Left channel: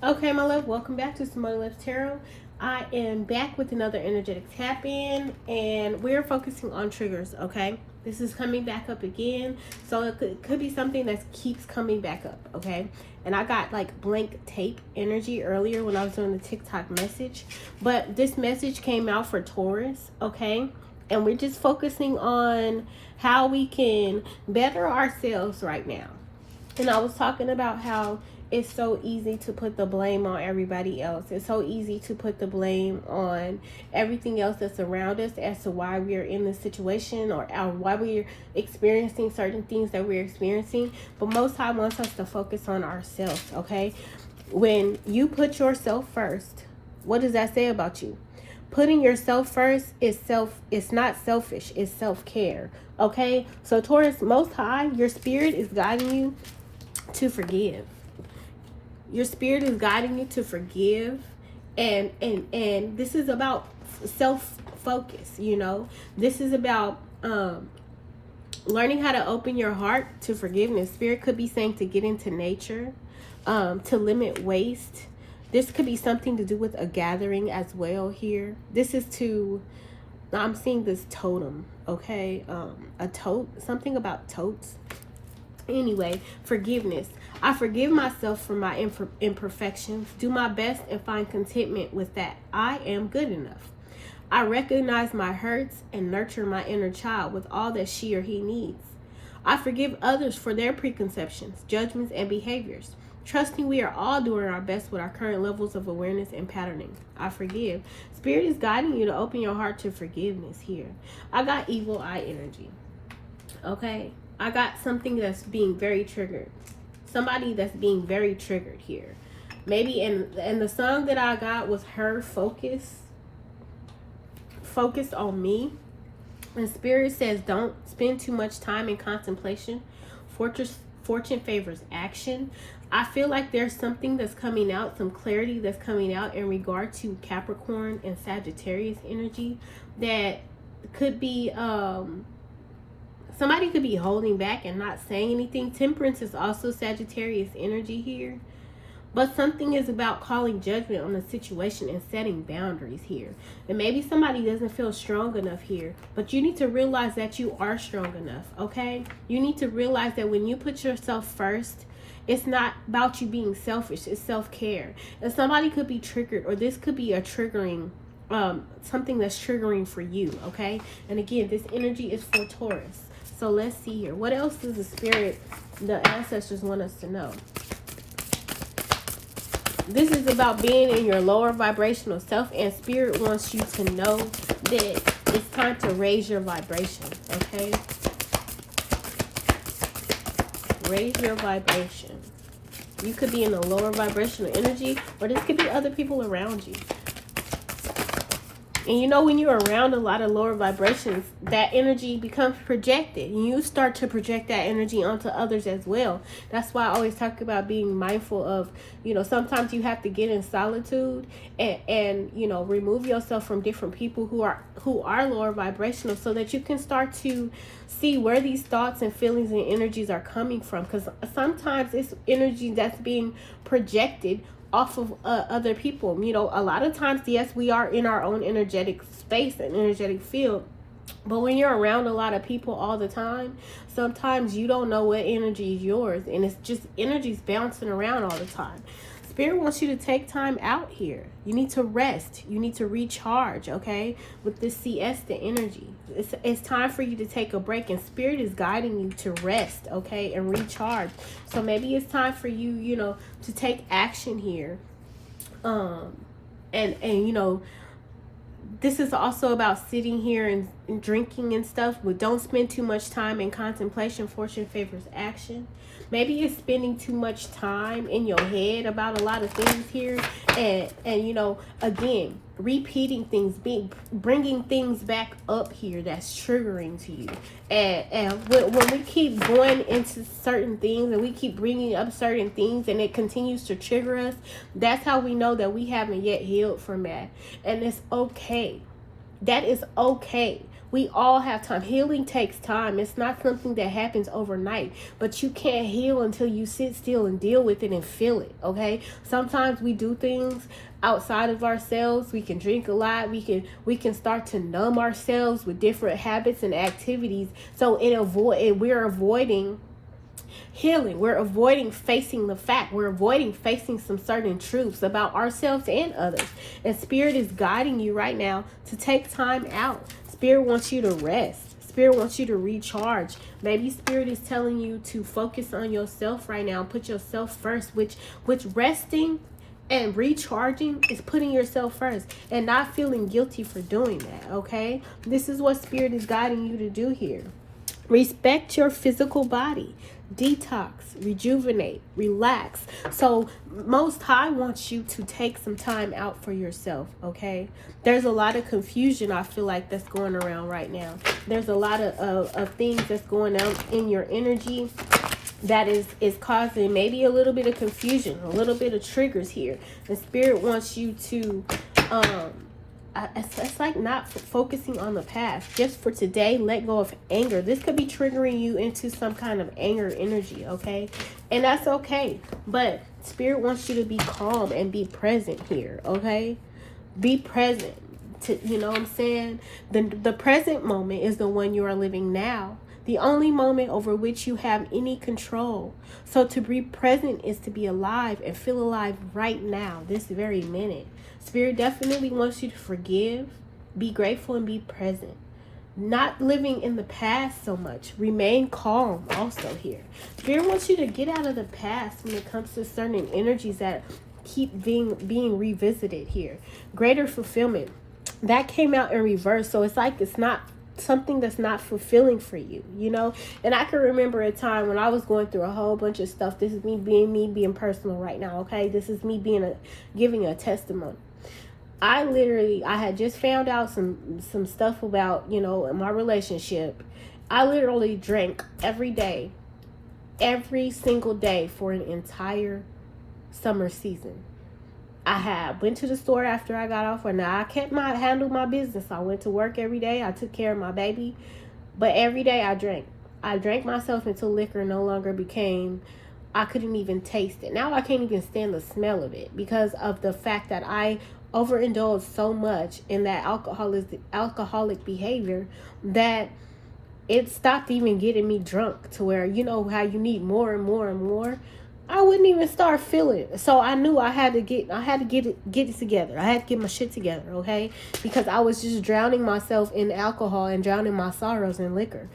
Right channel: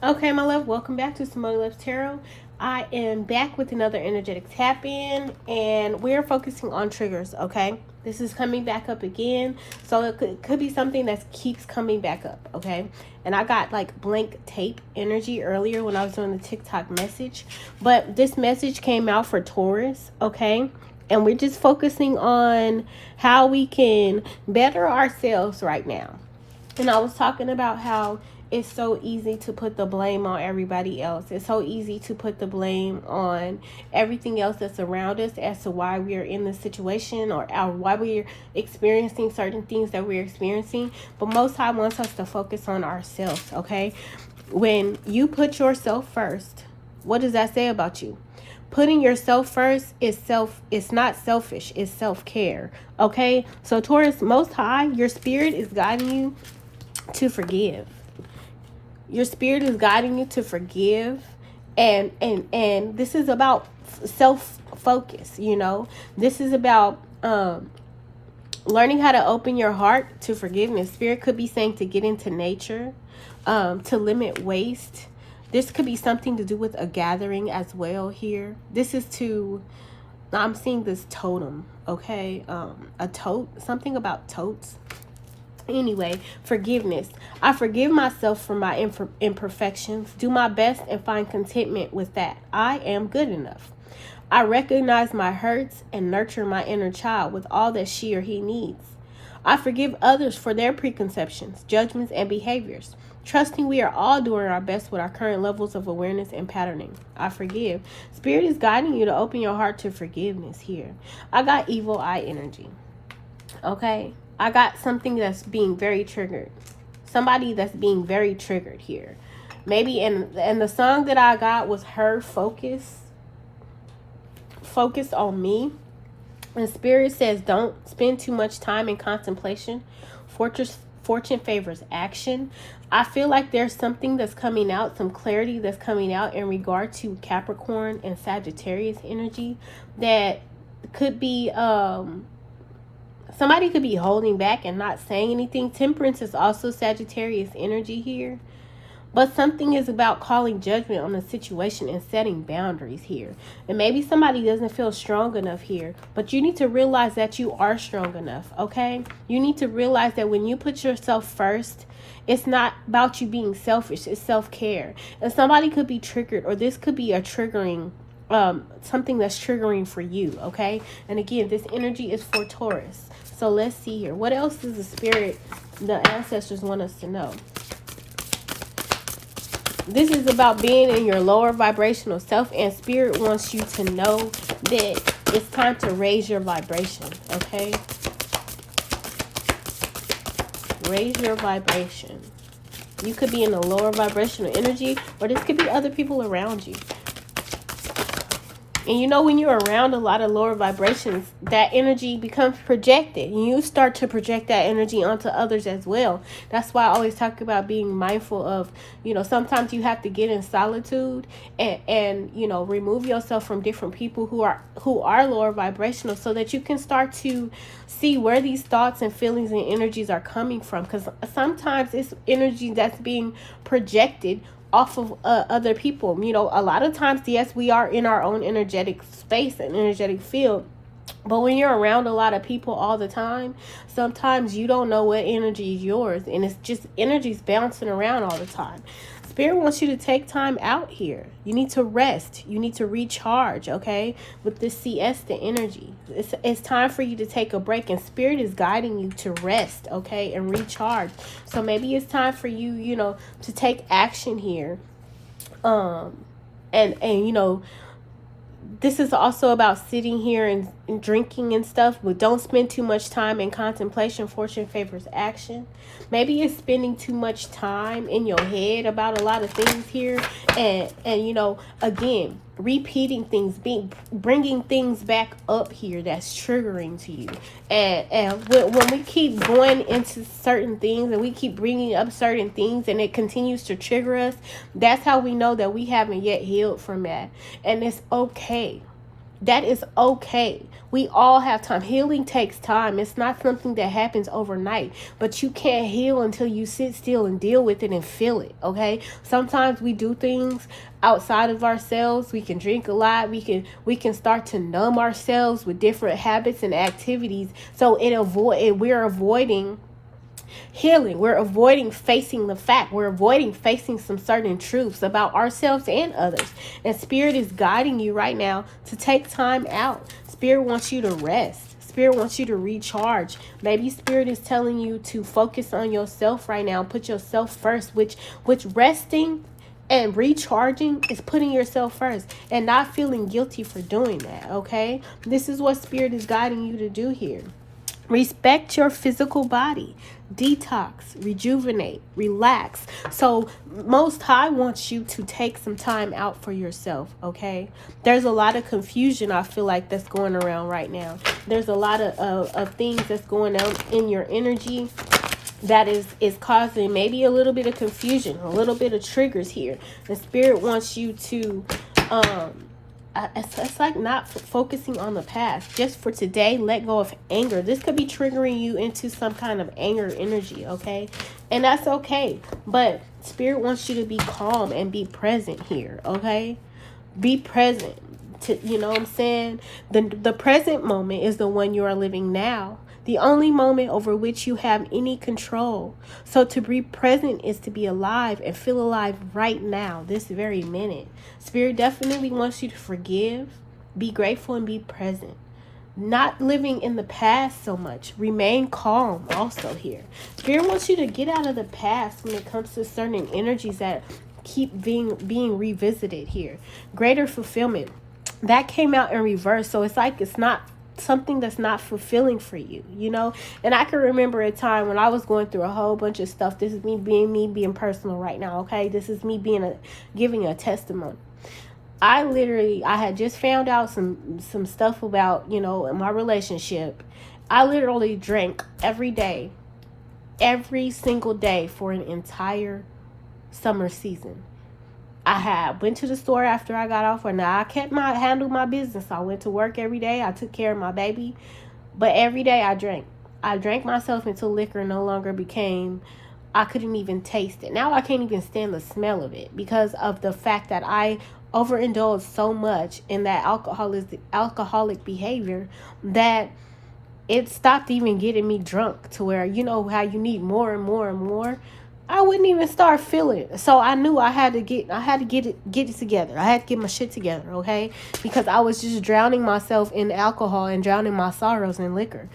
Okay, my love, welcome back to Cimone Love Tarot. I am back with another energetic tap in, and we're focusing on triggers, okay? This is coming back up again, so it could be something that keeps coming back up, okay? And I got like blank tape energy earlier when I was doing the TikTok message, but this message came out for Taurus, okay? And we're just focusing on how we can better ourselves right now. And I was talking about how it's so easy to put the blame on everybody else. It's so easy to put the blame on everything else that's around us as to why we're in this situation, or why we're experiencing certain things that we're experiencing. But Most High wants us to focus on ourselves, okay? When you put yourself first, what does that say about you? Putting yourself first it's not selfish, it's self-care, okay? So Taurus, Most High, your spirit is guiding you to forgive. Your spirit is guiding you to forgive, and this is about self-focus, you know. This is about learning how to open your heart to forgiveness. Spirit could be saying to get into nature, to limit waste. This could be something to do with a gathering as well here. This is to, I'm seeing this totem, okay? A tote, something about totes. Anyway, forgiveness. I forgive myself for my imperfections, do my best, and find contentment with that. I am good enough. I recognize my hurts and nurture my inner child with all that she or he needs. I forgive others for their preconceptions, judgments, and behaviors, trusting we are all doing our best with our current levels of awareness and patterning. I forgive. Spirit is guiding you to open your heart to forgiveness here. I got evil eye energy. Okay? I got something that's being very triggered. Somebody that's being very triggered here. Maybe, and the song that I got was her focused on me. And Spirit says, don't spend too much time in contemplation. Fortune favors action. I feel like there's something that's coming out, some clarity that's coming out in regard to Capricorn and Sagittarius energy that could be somebody could be holding back and not saying anything. Temperance is also Sagittarius energy here. But something is about calling judgment on the situation and setting boundaries here. And maybe somebody doesn't feel strong enough here. But you need to realize that you are strong enough, okay? You need to realize that when you put yourself first, it's not about you being selfish. It's self-care. And somebody could be triggered, or this could be a triggering, something that's triggering for you, okay? And again, this energy is for Taurus. So let's see here. What else does the ancestors want us to know? This is about being in your lower vibrational self, and Spirit wants you to know that it's time to raise your vibration, okay? Raise your vibration. You could be in a lower vibrational energy, or this could be other people around you. And you know, when you're around a lot of lower vibrations, that energy becomes projected. And you start to project that energy onto others as well. That's why I always talk about being mindful of, you know, sometimes you have to get in solitude and you know, remove yourself from different people who are lower vibrational, so that you can start to see where these thoughts and feelings and energies are coming from. Because sometimes it's energy that's being projected off of other people. You know, a lot of times, yes, we are in our own energetic space and energetic field, but when you're around a lot of people all the time, sometimes you don't know what energy is yours, and it's just energies bouncing around all the time. Spirit wants you to take time out here. You need to rest. You need to recharge, okay? With this siesta energy. It's time for you to take a break, and Spirit is guiding you to rest, okay? And recharge. So maybe it's time for you, you know, to take action here. And you know, this is also about sitting here and drinking and stuff, but don't spend too much time in contemplation. Fortune favors action. Maybe you're spending too much time in your head about a lot of things here, and you know, again, repeating things, bringing things back up here that's triggering to you. And when we keep going into certain things and we keep bringing up certain things and it continues to trigger us, that's how we know that we haven't yet healed from that. And it's okay. That is okay. We all have time. Healing takes time. It's not something that happens overnight, but you can't heal until you sit still and deal with it and feel it, okay? Sometimes we do things outside of ourselves. We can drink a lot. We can start to numb ourselves with different habits and activities. So we're avoiding healing. We're avoiding facing the fact. We're avoiding facing some certain truths about ourselves and others. And Spirit is guiding you right now to take time out. Spirit wants you to rest. Spirit wants you to recharge. Maybe Spirit is telling you to focus on yourself right now. Put yourself first, which resting and recharging is putting yourself first and not feeling guilty for doing that, okay? This is what Spirit is guiding you to do here. Respect your physical body. Detox, rejuvenate, relax. So Most High wants you to take some time out for yourself, okay? There's a lot of confusion, I feel like, that's going around right now. There's a lot of things that's going on in your energy that is causing maybe a little bit of confusion, a little bit of triggers here. The Spirit wants you to it's like not focusing on the past. Just for today, let go of anger. This could be triggering you into some kind of anger energy, okay? And that's okay. But Spirit wants you to be calm and be present here, okay? Be present. You know what I'm saying? The present moment is the one you are living now. The only moment over which you have any control. So to be present is to be alive and feel alive right now, this very minute. Spirit definitely wants you to forgive, be grateful, and be present. Not living in the past so much. Remain calm also here. Spirit wants you to get out of the past when it comes to certain energies that keep being revisited here. Greater fulfillment. That came out in reverse. So it's like it's not something that's not fulfilling for you, you know? And I can remember a time when I was going through a whole bunch of stuff. This is me being personal right now, okay? This is me giving a testimony. I had just found out some stuff about, you know, my relationship. I literally drank every single day for an entire summer season. I went to the store after I got off. Now I handled my business. I went to work every day. I took care of my baby. But every day I drank. I drank myself until liquor no longer I couldn't even taste it. Now I can't even stand the smell of it because of the fact that I overindulged so much in that alcoholic behavior that it stopped even getting me drunk, to where, you know how you need more and more and more. I wouldn't even start feeling it. So I knew I had to get it together. I had to get my shit together, okay? Because I was just drowning myself in alcohol and drowning my sorrows in liquor.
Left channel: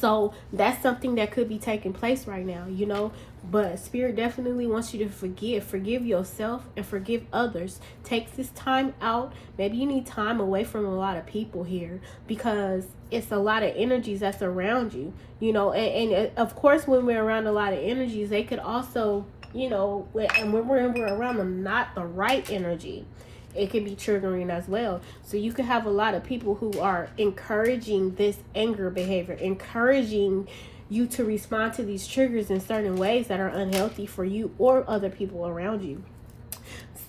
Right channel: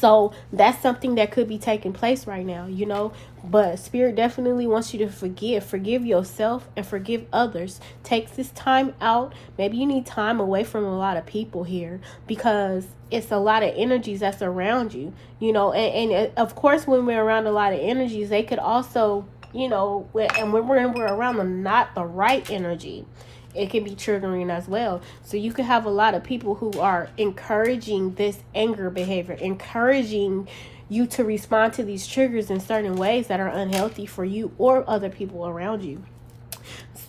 So that's something that could be taking place right now, you know. But Spirit definitely wants you to forgive yourself and forgive others. Take this time out. Maybe you need time away from a lot of people here, because it's a lot of energies that's around you, you know. And of course, when we're around a lot of energies, they could also, you know, and when we're around not the right energy, it can be triggering as well. So you can have a lot of people who are encouraging this anger behavior, encouraging you to respond to these triggers in certain ways that are unhealthy for you or other people around you.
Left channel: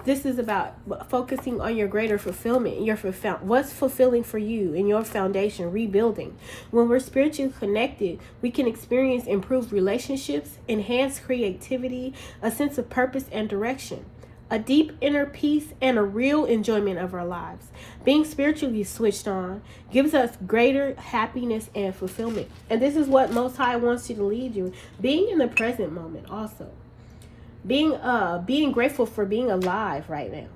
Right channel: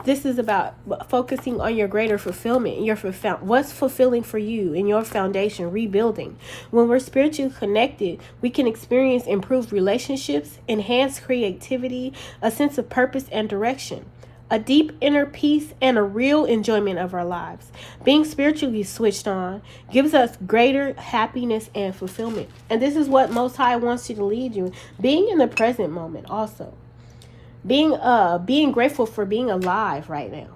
This is about focusing on your greater fulfillment. What's fulfilling for you in your foundation, rebuilding. When we're spiritually connected, we can experience improved relationships, enhanced creativity, a sense of purpose and direction, a deep inner peace, and a real enjoyment of our lives. Being spiritually switched on gives us greater happiness and fulfillment. And this is what Most High wants you to lead you. Being in the present moment also. Being grateful for being alive right now.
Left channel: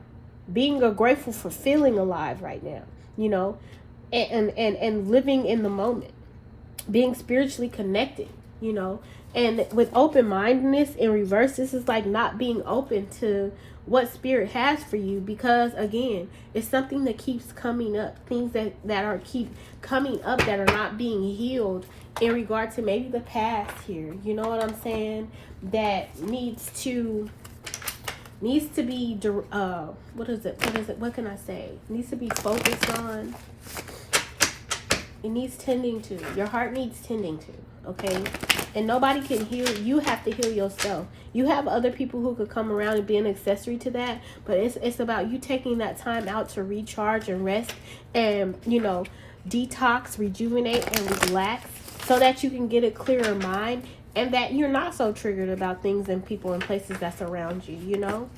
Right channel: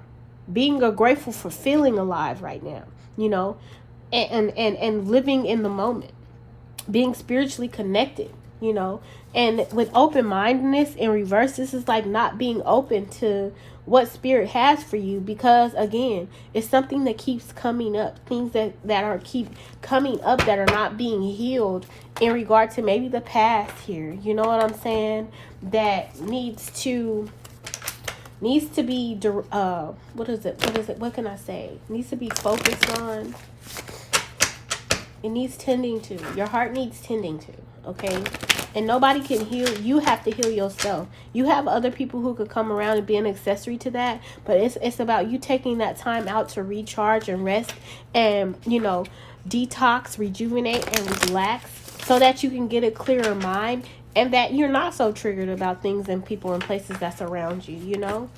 Being grateful for feeling alive right now, you know, and living in the moment. Being spiritually connected, you know, and with open-mindedness in reverse, this is like not being open to what Spirit has for you, because again, it's something that keeps coming up, things that keep coming up that are not being healed in regard to maybe the past here, you know what I'm saying, that needs to be what can I say, needs to be focused on. It needs tending to. Your heart needs tending to, okay? And nobody can heal. You have to heal yourself. You have other people who could come around and be an accessory to that, but it's about you taking that time out to recharge and rest and, you know, detox, rejuvenate, and relax so that you can get a clearer mind and that you're not so triggered about things and people and places that's around you, you know?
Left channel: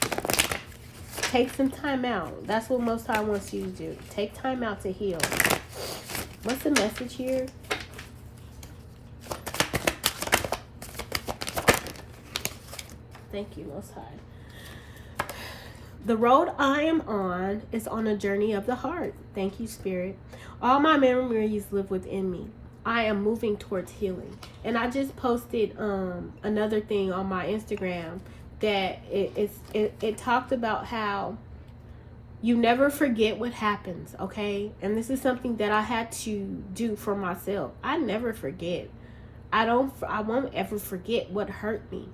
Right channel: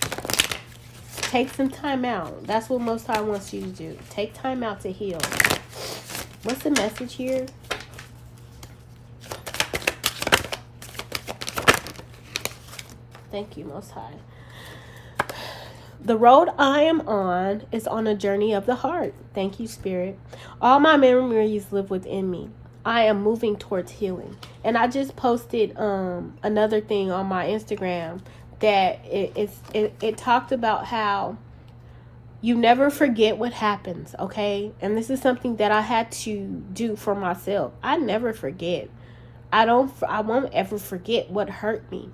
Take some time out. That's what Most High wants you to do. Take time out to heal. What's the message here? Thank you, Most High. The road I am on is on a journey of the heart. Thank you, Spirit. All my memories live within me. I am moving towards healing. And I just posted another thing on my Instagram that it talked about how you never forget what happens, okay? And this is something that I had to do for myself. I never forget. I won't ever forget what hurt me.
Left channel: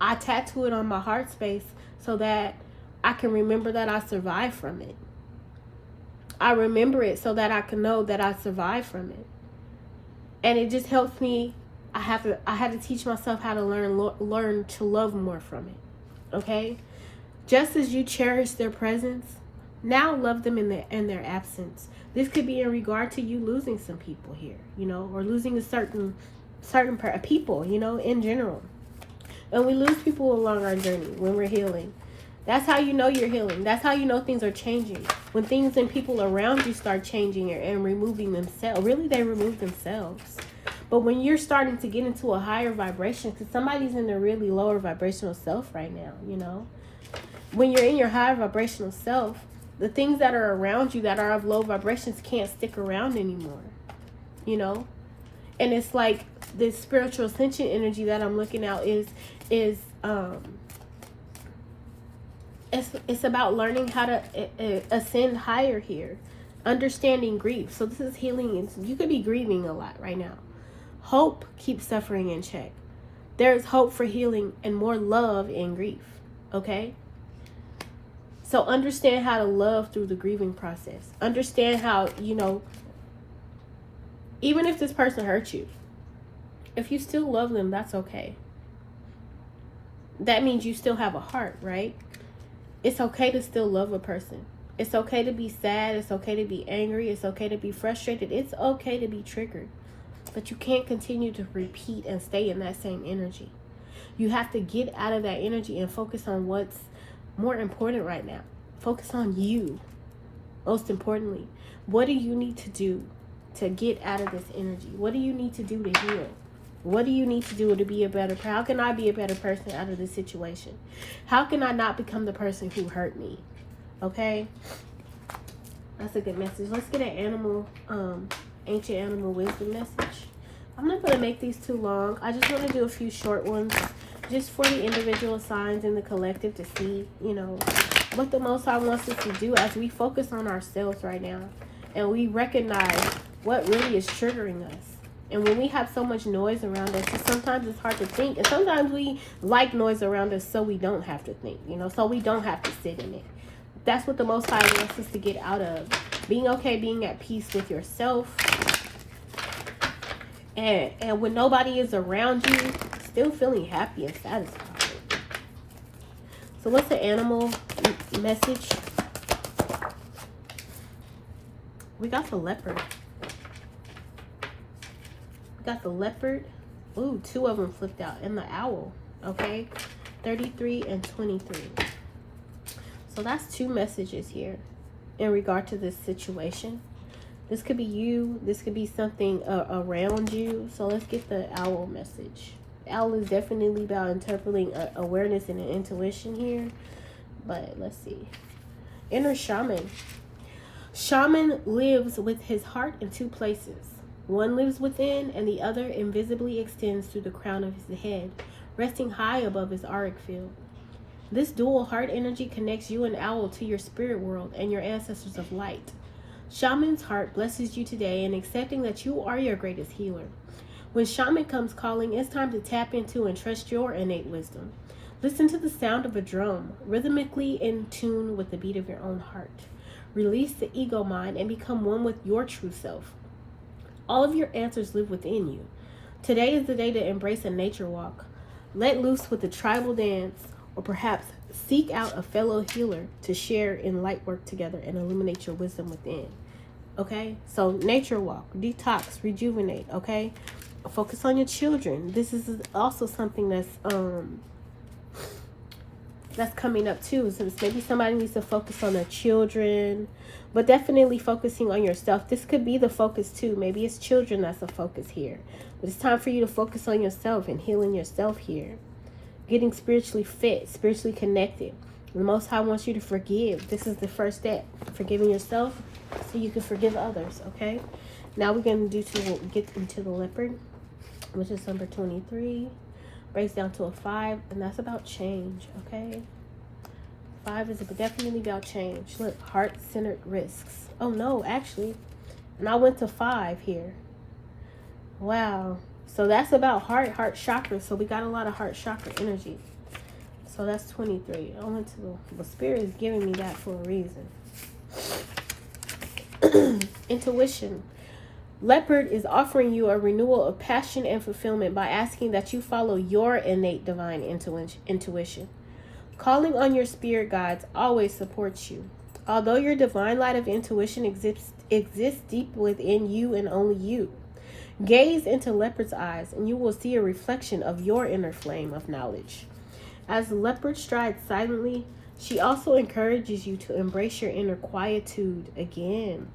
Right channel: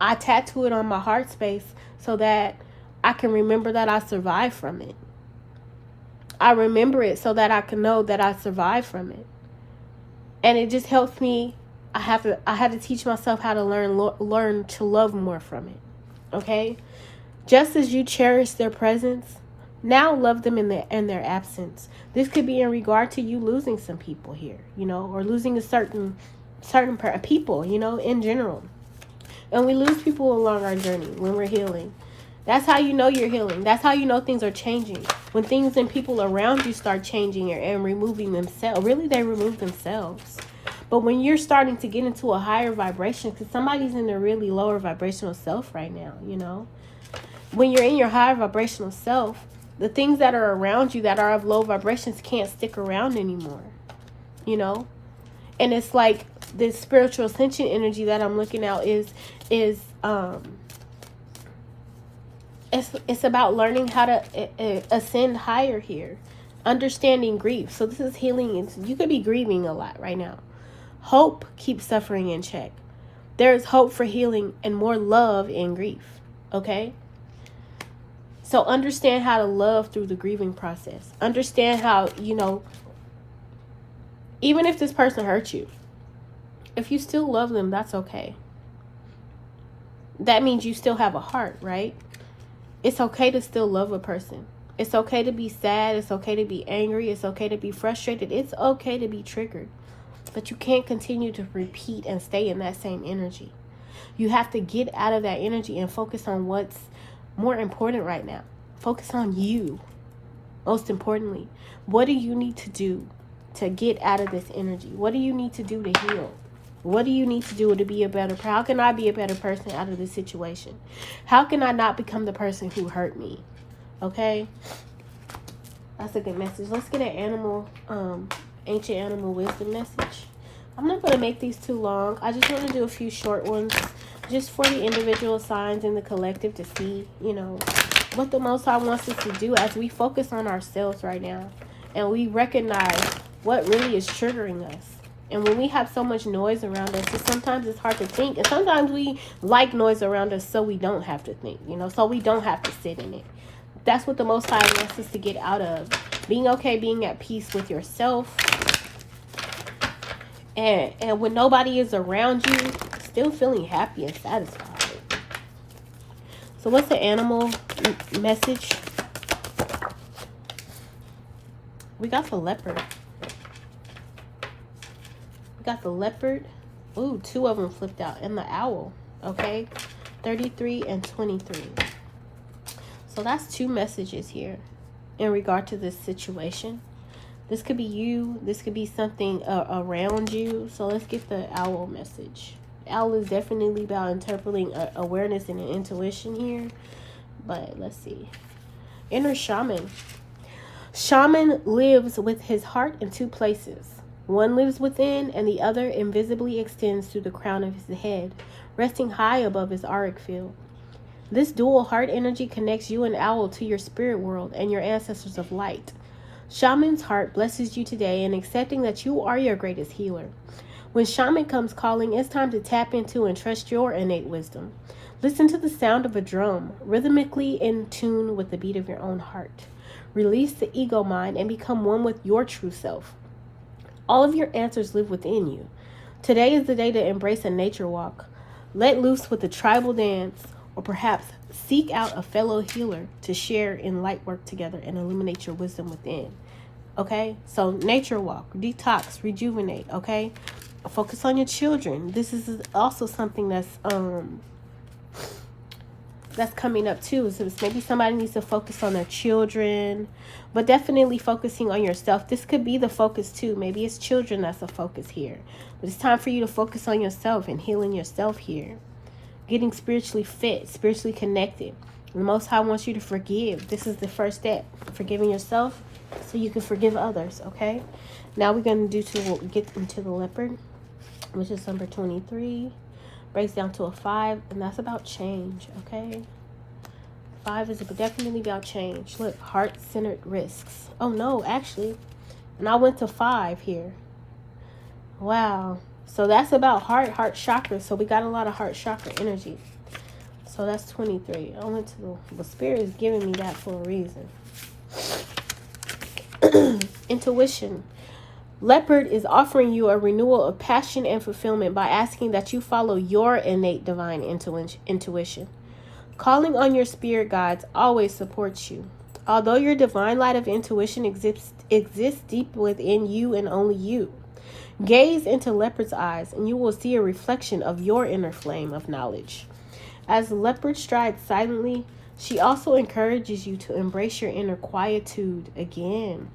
I tattoo it on my heart space so that I can remember that I survived from it. I remember it so that I can know that I survived from it. And it just helps me. I had to teach myself how to learn to love more from it. Okay? Just as you cherish their presence, now love them in their absence. This could be in regard to you losing some people here, you know, or losing a certain people, you know, in general. And we lose people along our journey when we're healing. That's how you know you're healing. That's how you know things are changing. When things and people around you start changing and removing themselves. Really, they remove themselves. But when you're starting to get into a higher vibration, because somebody's in a really lower vibrational self right now, you know. When you're in your higher vibrational self, the things that are around you that are of low vibrations can't stick around anymore, you know. And it's like this spiritual ascension energy that I'm looking at is it's about learning how to ascend higher here, understanding grief. So this is healing. You could be grieving a lot right now. Hope keeps suffering in check. There is hope for healing and more love in grief. Okay. So understand how to love through the grieving process. Understand how, you know, even if this person hurt you, if you still love them, that's okay. That means you still have a heart, right? It's okay to still love a person. It's okay to be sad. It's okay to be angry. It's okay to be frustrated. It's okay to be triggered. But you can't continue to repeat and stay in that same energy. You have to get out of that energy and focus on what's more important right now. Focus on you. Most importantly, what do you need to do to get out of this energy? What do you need to do to heal? What do you need to do to be a better person? How can I be a better person out of this situation? How can I not become the person who hurt me? Okay? That's a good message. Let's get an animal, ancient animal wisdom message. I'm not going to make these too long. I just want to do a few short ones just for the individual signs in the collective to see, you know, what the Most High wants us to do as we focus on ourselves right now. And we recognize what really is triggering us. And when we have so much noise around us, sometimes it's hard to think. And sometimes we like noise around us so we don't have to think, you know, so we don't have to sit in it. That's what the Most High wants us to get out of. Being okay, being at peace with yourself. And when nobody is around you, still feeling happy and satisfied. So what's the animal message? We got the leopard. Got the leopard. Ooh, two of them flipped out. And the owl. Okay. 33 and 23. So that's two messages here in regard to this situation. This could be you. This could be something around you. So let's get the owl message. The owl is definitely about interpreting awareness and intuition here. But let's see. Inner shaman. Shaman lives with his heart in two places. One lives within, and the other invisibly extends through the crown of his head, resting high above his auric field. This dual heart energy connects you and owl to your spirit world and your ancestors of light. Shaman's heart blesses you today in accepting that you are your greatest healer. When shaman comes calling, it's time to tap into and trust your innate wisdom. Listen to the sound of a drum, rhythmically in tune with the beat of your own heart. Release the ego mind and become one with your true self. All of your answers live within you. Today is the day to embrace a nature walk. Let loose with a tribal dance, or perhaps seek out a fellow healer to share in light work together and illuminate your wisdom within. Okay, so nature walk, detox, rejuvenate. Okay, focus on your children. This is also something that's coming up too. So maybe somebody needs to focus on their children, but definitely focusing on yourself. This could be the focus too. Maybe it's children that's the focus here, but it's time for you to focus on yourself and healing yourself here. Getting spiritually fit, spiritually connected. The Most High wants you to forgive. This is the first step. Forgiving yourself so you can forgive others, okay? Now we're going to get into the leopard, which is number 23. Breaks down to a 5, and that's about change, okay? 5 is definitely about change. Look, heart-centered risks. Oh, no, actually. And I went to 5 here. Wow. So that's about heart chakra. So we got a lot of heart chakra energy. So that's 23. I went to the Spirit is giving me that for a reason. Intuition. Leopard is offering you a renewal of passion and fulfillment by asking that you follow your innate divine intuition. Calling on your spirit guides always supports you. Although your divine light of intuition exists deep within you and only you. Gaze into leopard's eyes and you will see a reflection of your inner flame of knowledge. As the leopard strides silently, she also encourages you to embrace your inner quietude again.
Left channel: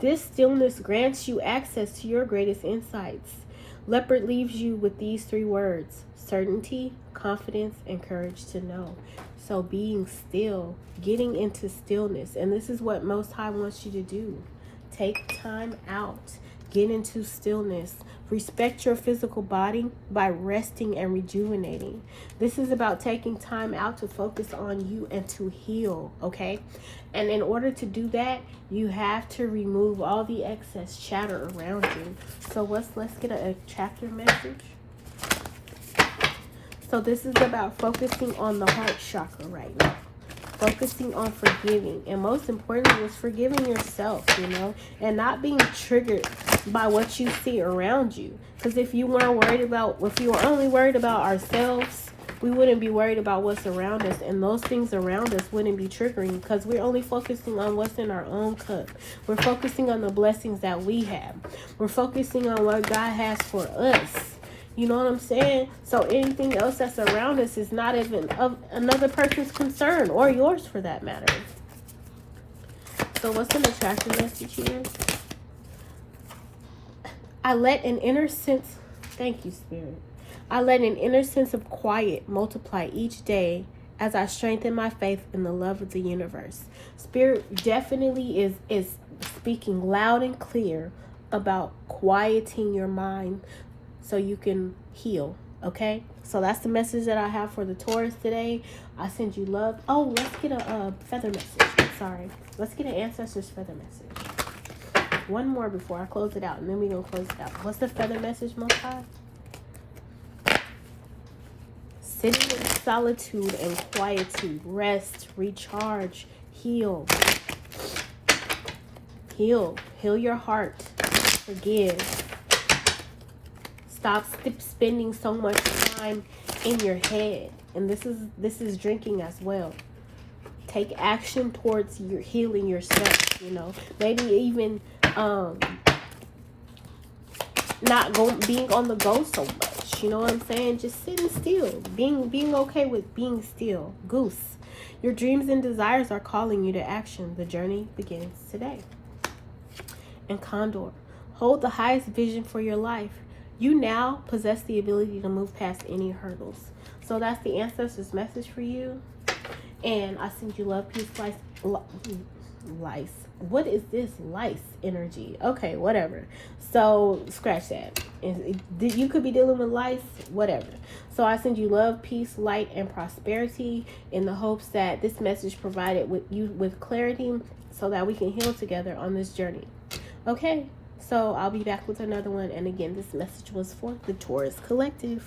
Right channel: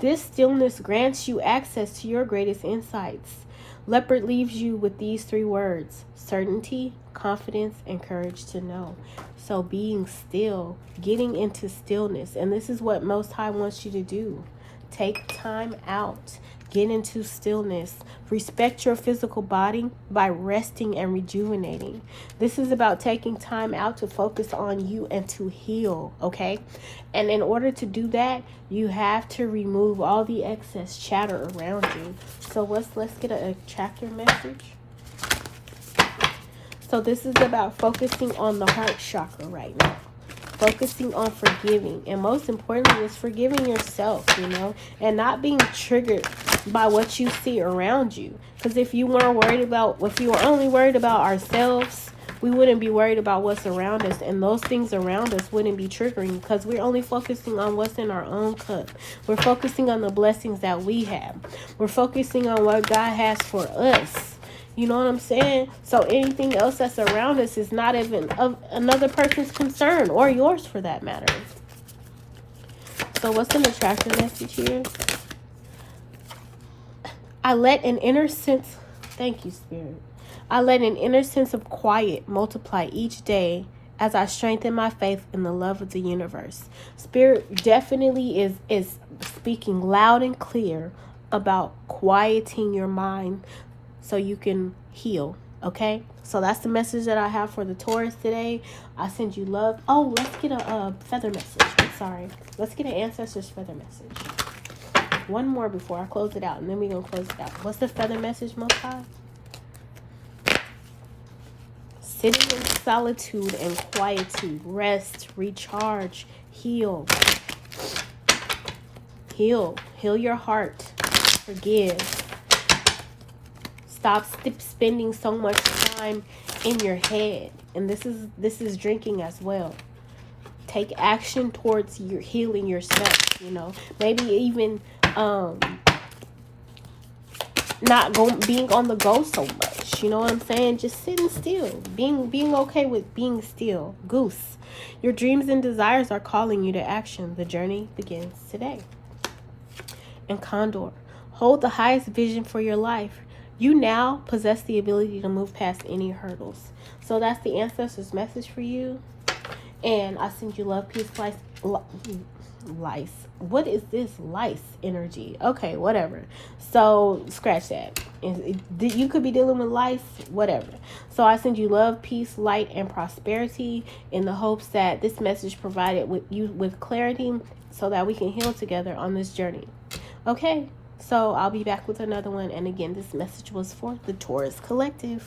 This stillness grants you access to your greatest insights. Leopard leaves you with these 3 words: certainty, confidence, and courage to know. So being still, getting into stillness. And this is what Most High wants you to do. Take time out. Get into stillness. Respect your physical body by resting and rejuvenating. This is about taking time out to focus on you and to heal, okay? And in order to do that, you have to remove all the excess chatter around you. So let's get an attractive message. So this is about focusing on the heart chakra right now. Focusing on forgiving, and most importantly is forgiving yourself, and not being triggered by what you see around you. Because if you were only worried about ourselves, we wouldn't be worried about what's around us, and those things around us wouldn't be triggering because we're only focusing on what's in our own cup. We're focusing on the blessings that we have. We're focusing on what God has for us. You know what I'm saying? So anything else that's around us is not even of another person's concern, or yours for that matter. So what's an attractive message here? I let an inner sense, thank you, Spirit. I let an inner sense of quiet multiply each day as I strengthen my faith in the love of the universe. Spirit definitely is speaking loud and clear about quieting your mind so you can heal, okay? So that's the message that I have for the Taurus today. I send you love. Oh, let's get a feather message. Sorry. Let's get an ancestor's feather message. One more before I close it out, and then we're going to close it out. What's the feather message, Most High? Sitting in solitude and quietude. Rest, recharge, heal. Heal your heart. Forgive. Stop spending so much time in your head. And this is drinking as well. Take action towards your healing yourself, Maybe even not being on the go so much. You know what I'm saying? Just sitting still. Being okay with being still. Goose. Your dreams and desires are calling you to action. The journey begins today. And Condor. Hold the highest vision for your life. You now possess the ability to move past any hurdles. So that's the ancestors' message for you. And I send you love, peace, lice. What is this lice energy? Okay, whatever. So scratch that. You could be dealing with lice, whatever. So I send you love, peace, light, and prosperity in the hopes that this message provided with clarity so that we can heal together on this journey. Okay. So I'll be back with another one. And again, this message was for the Taurus Collective.